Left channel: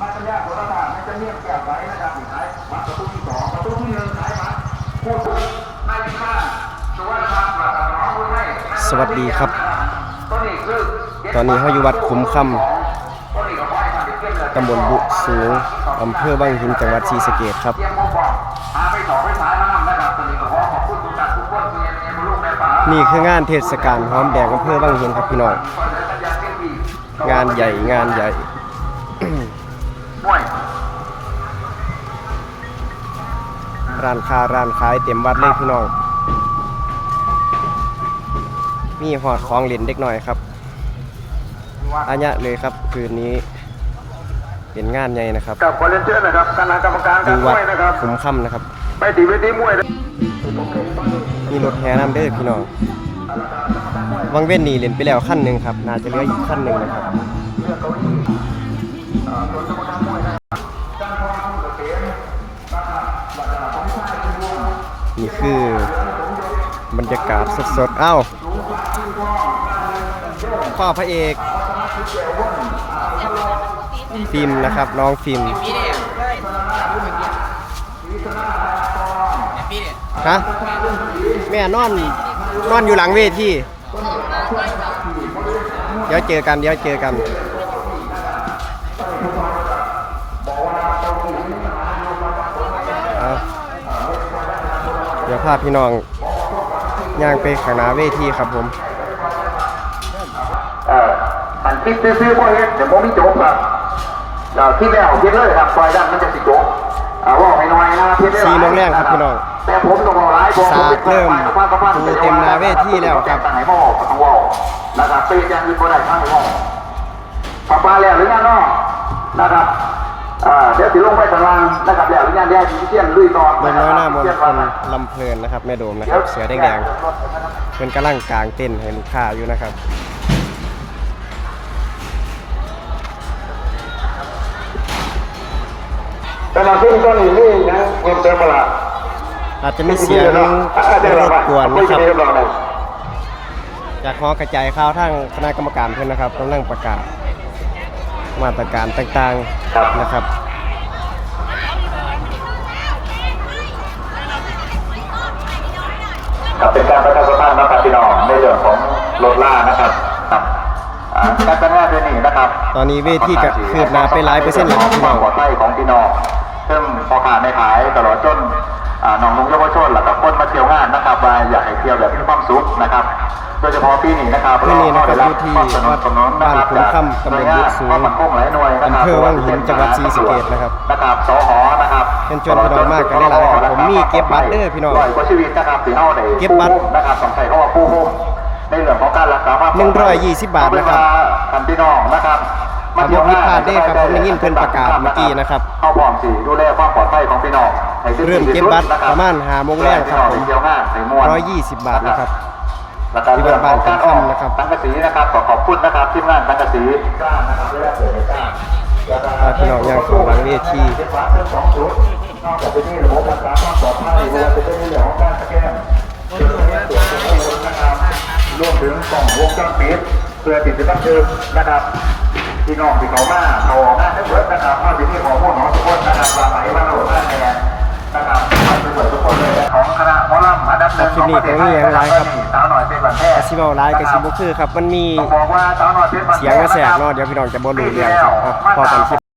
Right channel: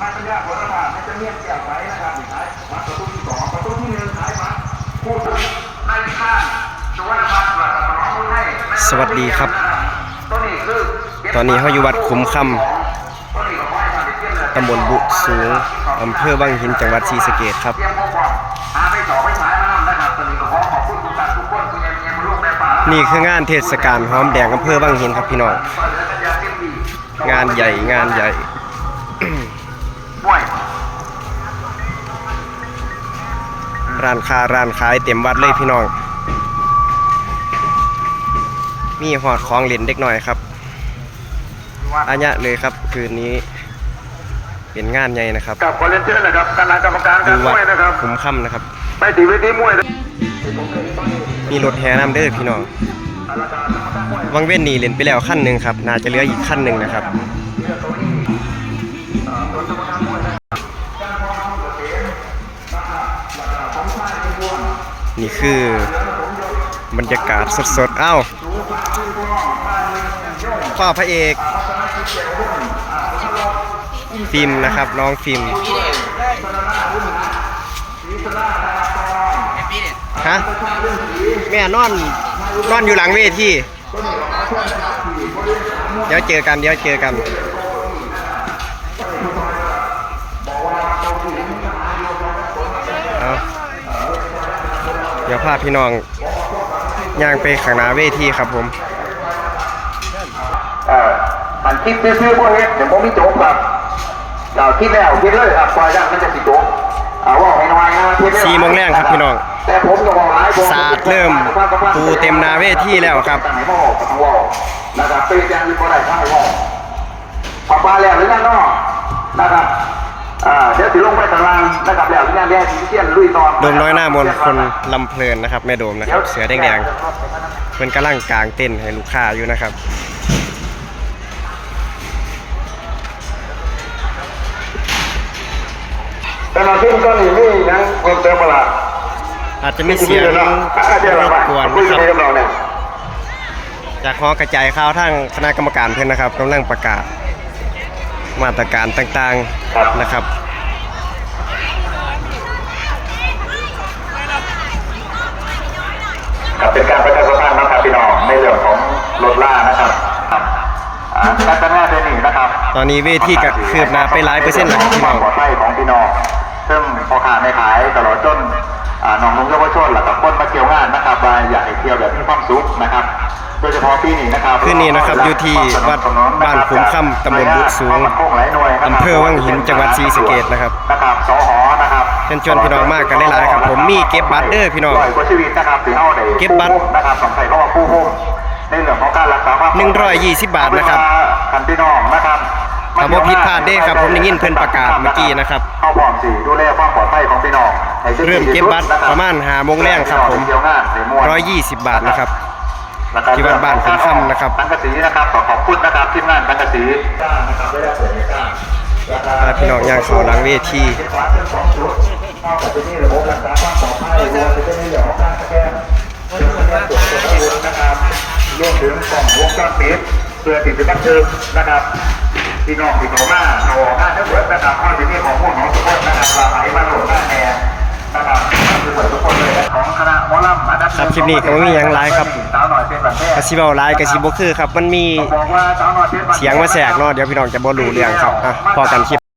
นายปัญญาโหราศาสตร์จะเรียกแก้วไว้นะครับสุดท้ายวัดประตูที่สองประตูที่หนึ่งขายวัดพูดถึงนายพิฆาตชวนาถปราศมาพูดให้สวัสดีครับ ตอนนี้เขาอยู่วัดคุ้มคำตำบลบุสูงอำเภอวังหินจังหวัดศรีสะเกษครับเทียมโมบอกหาไปขอไปฉายมานำนะครับต้นนี้ก็ขอขอบคุณทุกท่านทุกคนที่ยังยังลูกในป่านี่คืองานเทศกาลหอมแดงอำเภอวังหินครับพี่น้อง งานใหญ่งานใหญ่ ร้านค้าร้านขายเต็มวัดเลยพี่น้อง มีหอดของเล่นเด็กหน่อยครับอัญญะเลยครับคืนนี้ เป็นงานใหญ่นะครับกับคอเลนเจอร์นะครับคณะกรรมการอการยู่มวัดวยนะครับคุ้มค่ำนะครับ ไปตีเวทีมวยมีรถแห่น้ำเด้อพี่น้องวังเว้นนี่เล่นไปแล้วขั้นหนึ่งครับ น่าจะเหลืออีกขั้นหนึ่งนะครับ นี่คือบรรยากาศสดๆ อ้าวพ่อพระเอกฟิล์มนะครับ น้องฟิล์มฮะแม่นอนนอนอยู่หลังเวทีเดี๋ยวเจอกัน เดี๋ยวเจอกัน ยวพาพี่น้องย่างไปข้างหน้าเวทีครับผมเอ่อหันคิดซื้อๆพวกเฮ็ดเดี๋ยวผมมีโจ๊กครับเดี๋ยวคิดแล้วคิดเลยครับปล่อยได้ไม่จะสิโจ๊กอ่าว่าให้น้อยนะคิดเลยสี่โมงแรงครับพี่น้องแต่ผมก็บอกหลายบอกศาสตร์เริ่มปูเต็มหนาเวทีแล้วครับตั้งให้บอกก็ต้องเว่านะครับเป็นอย่างอื่นบ่ได้ทั้งให้เว่าปะปาแล้วหรือยังเนาะนะครับอ่า เดี๋ยวสิลงไปข้างล่างนะครับแล้วหรือยังเดี๋ยวสิเที่ยนลุยต่อโดมน้อยหน้ามนต์คนลำเพลินนะครับแม่โดมนะครับ เสือแดงๆเพิ่นกำลังกลางเต้นให้ลูกค้าอยู่นะครับแต่เราที่ต้นนี้มีหยังเพิ่มเติมบ่ล่ะอาจจะมีเสียงรบกวนนะครับจากหอกระจายข่าวทางคณะกรรมการเพื่อนนะครับกำลังประกาศ มาตรการต่างๆนะครับกับเป็นการประชาสัมพันธ์นะครับพี่น้องในเรื่องของรถล่านะครับครับอ่าการทำงานเดือนนี้นะครับ ตอนนี้เวทีก็คืบหน้าไปหลายเปอร์เซ็นต์แล้วครับพี่น้องปลอดภัยของพี่น้องซึ่งพอขาดไม่ขายตลอดจนอ่า น้องนุ่งเยาวชนหลักคนมาเที่ยวงานนะครับว่าอยากให้เที่ยวแบบมีความสุขนะครับ โดยเฉพาะปีนี้นะครับคืนนี้นะครับอยู่ที่วัดบ้านขุมค่ำตำบลบุสูงอำเภอวังหินจังหวัดศรีสะเกษนะครับนะครับสหนะครับเชิญชวนพี่น้องมากกันหลายๆครับ ผมมีเก็บบัตรเด้อพี่น้องร้ยกว่าชีวิตนะครับที่เฮาได้เก็บบัตรนะครับสำคัญเพราะว่าผู้ห่มในเรื่องของการรักษาความ120บาทนะครับคันพี่น้องนะครับ ถ้าบ่ผิดพลาดเด้ครับ ผมได้ยินเพิ่นประกาศเมื่อกี้นะครับเข้าพร้อมสิดูแลความปลอดภัยของพี่น้องให้ถึงเริ่มเก็บบัตรประมาณ5โมงแรงครับผมเที่ยวงานในม่วน120บาทนะครับแล้วก็ที่วัดบ้านขุนค่ำนะครับ สังกะสีนะครับขอขอบคุณนะครับทีมงานสังกะสีนะครับได้เปิดให้จ้างพาพี่น้องย่างเข้าหลังเวทีเก็บบัตรทั้งสองชุดนอกจากนี้ระบบรักษาความปลอดภัยรวมถึงจะมีเรื่องของการสแกนเรื่องของการตรวจสอบนะครับรวมถึงกล่องวงจรปิดเพื่อติดตั้งทึกนะครับ พี่น้องที่เขามาเขาออกมาทั้งหมดนะครับเพราที่นี่ของพวกน้องทุกคนนะครับว่าไหนมาโหลดหน้าแทนนะครับคือหมดทุกคนเลยของคณะมอลำอันดับครับคลิปนี้ก็บ่มีอย่างไรครับกระซิบเอาไลายกสิบ่คือครับ มันมีเป็นแบบแพทย์เสียงมาแสกเนาะเดี๋ยวพี่น้องจะบ่รู้เรื่องครับอะพอกันคลิป